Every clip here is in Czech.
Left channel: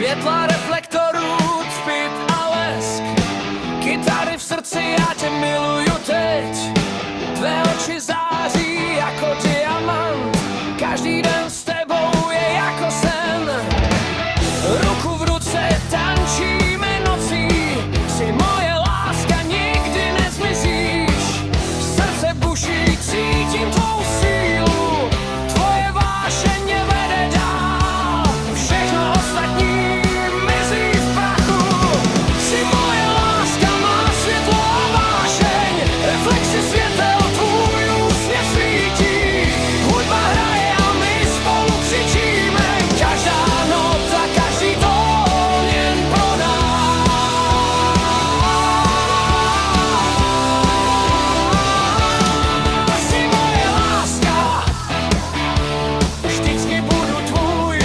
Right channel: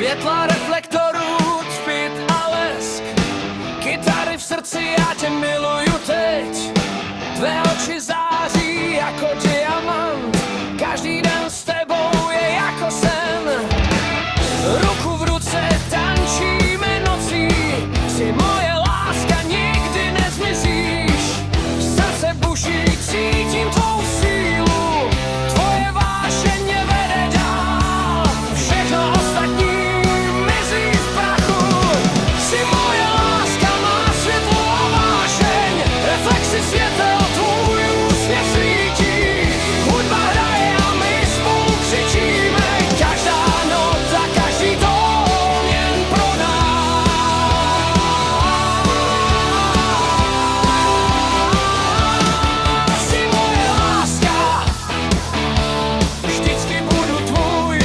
Světla reflektorů, třpyt a lesk, kytary v srdci, já tě miluju teď. Tvé oči září jako diamant, každý den s tebou je jako sen. Ruku v ruce tančíme nocí, jsi moje láska, nikdy nezmizíš. Srdce buší, cítím tvou sílu, tvoje vášeň mě vede dál. Všechno ostatní mizí v prachu. Jsi moje láska, má světlo a vášeň, reflexy světel, tvůj úsměv svítí. Hudba hraje a my spolu křičíme, každá nota, každý tón jen pro nás. Jsi moje láska, vždycky budu tvůj.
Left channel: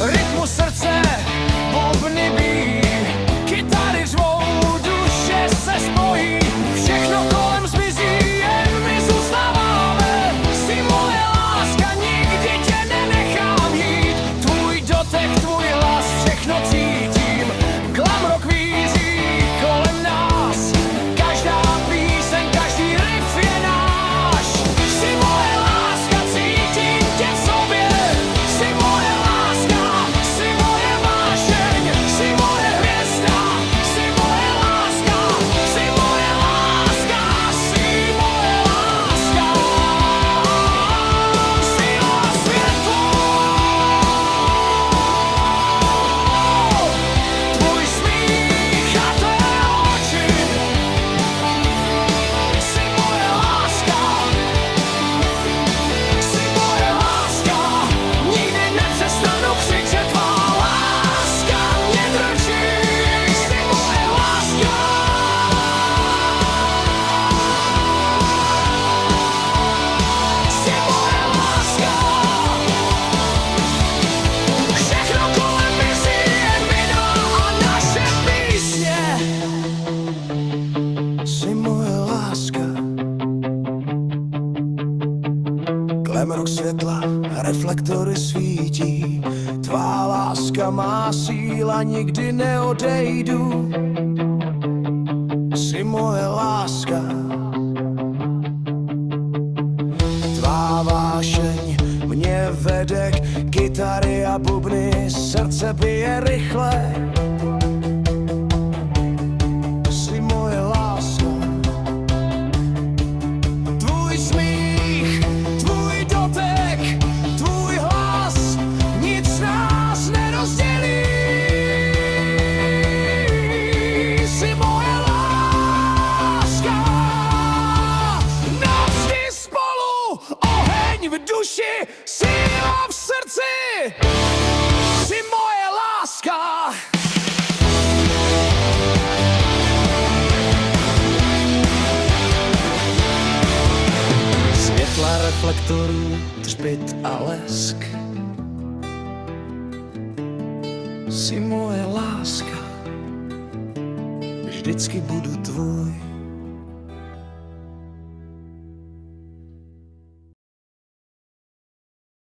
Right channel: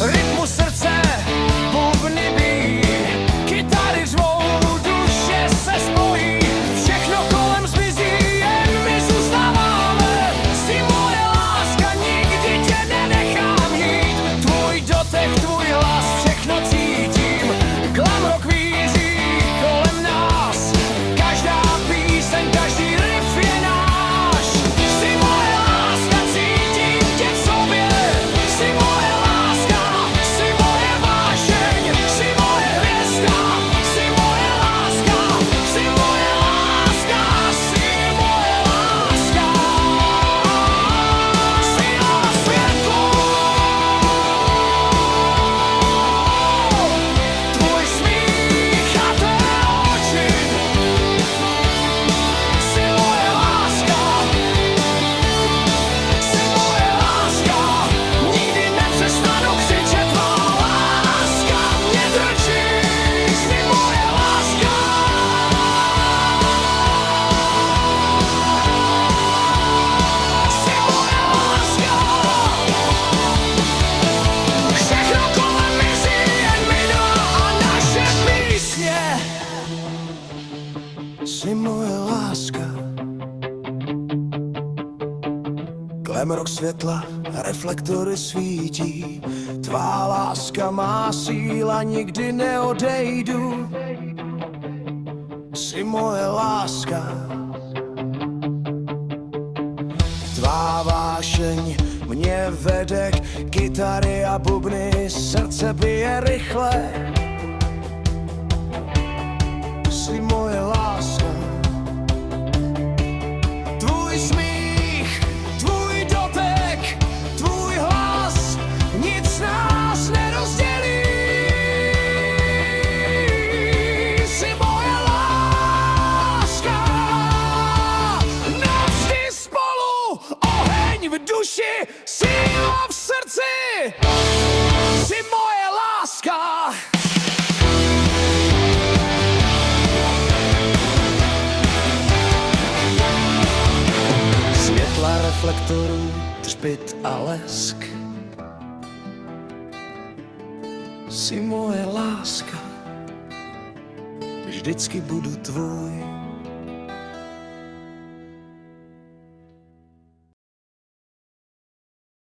Rytmu srdce bubny bijí, kytary řvou, duše se spojí. Všechno kolem zmizí, jen my zůstáváme. Jsi moje láska, nikdy tě nenechám jít. Tvůj dotek, tvůj hlas, všechno cítím. Glamrock vízí kolem nás, každá píseň, každý riff je náš. Jsi moje láska, cítím tě v sobě. Jsi moje láska, jsi moje vášeň, jsi moje hvězda, jsi moje láska, jsi moje láska, jsi moje láska. Síla světlo, tvůj smích a tvé oči. Jsi moje láska, jsi moje láska, nikdy nepřestanu křičet, tvá láska mě drčí. Jsi moje láska, jsi moje láska. Všechno kolem mizí, jen my dva a naše písně. Jsi moje láska. Glamrock světla, reflektory svítí. Tvá láska má síla, nikdy neodejdu. Jsi moje láska. Tvá vášeň mě vede k kytary a bubny, srdce bije rychle. Jsi moje láska. Tvůj smích, tvůj dotek, tvůj hlas, nic nás nerozdělí. Jsi moje láska, navždy spolu, oheň v duši, síla v srdci. Jsi moje láska. Světla reflektorů, třpyt a lesk. Jsi moje láska, vždycky budu tvůj.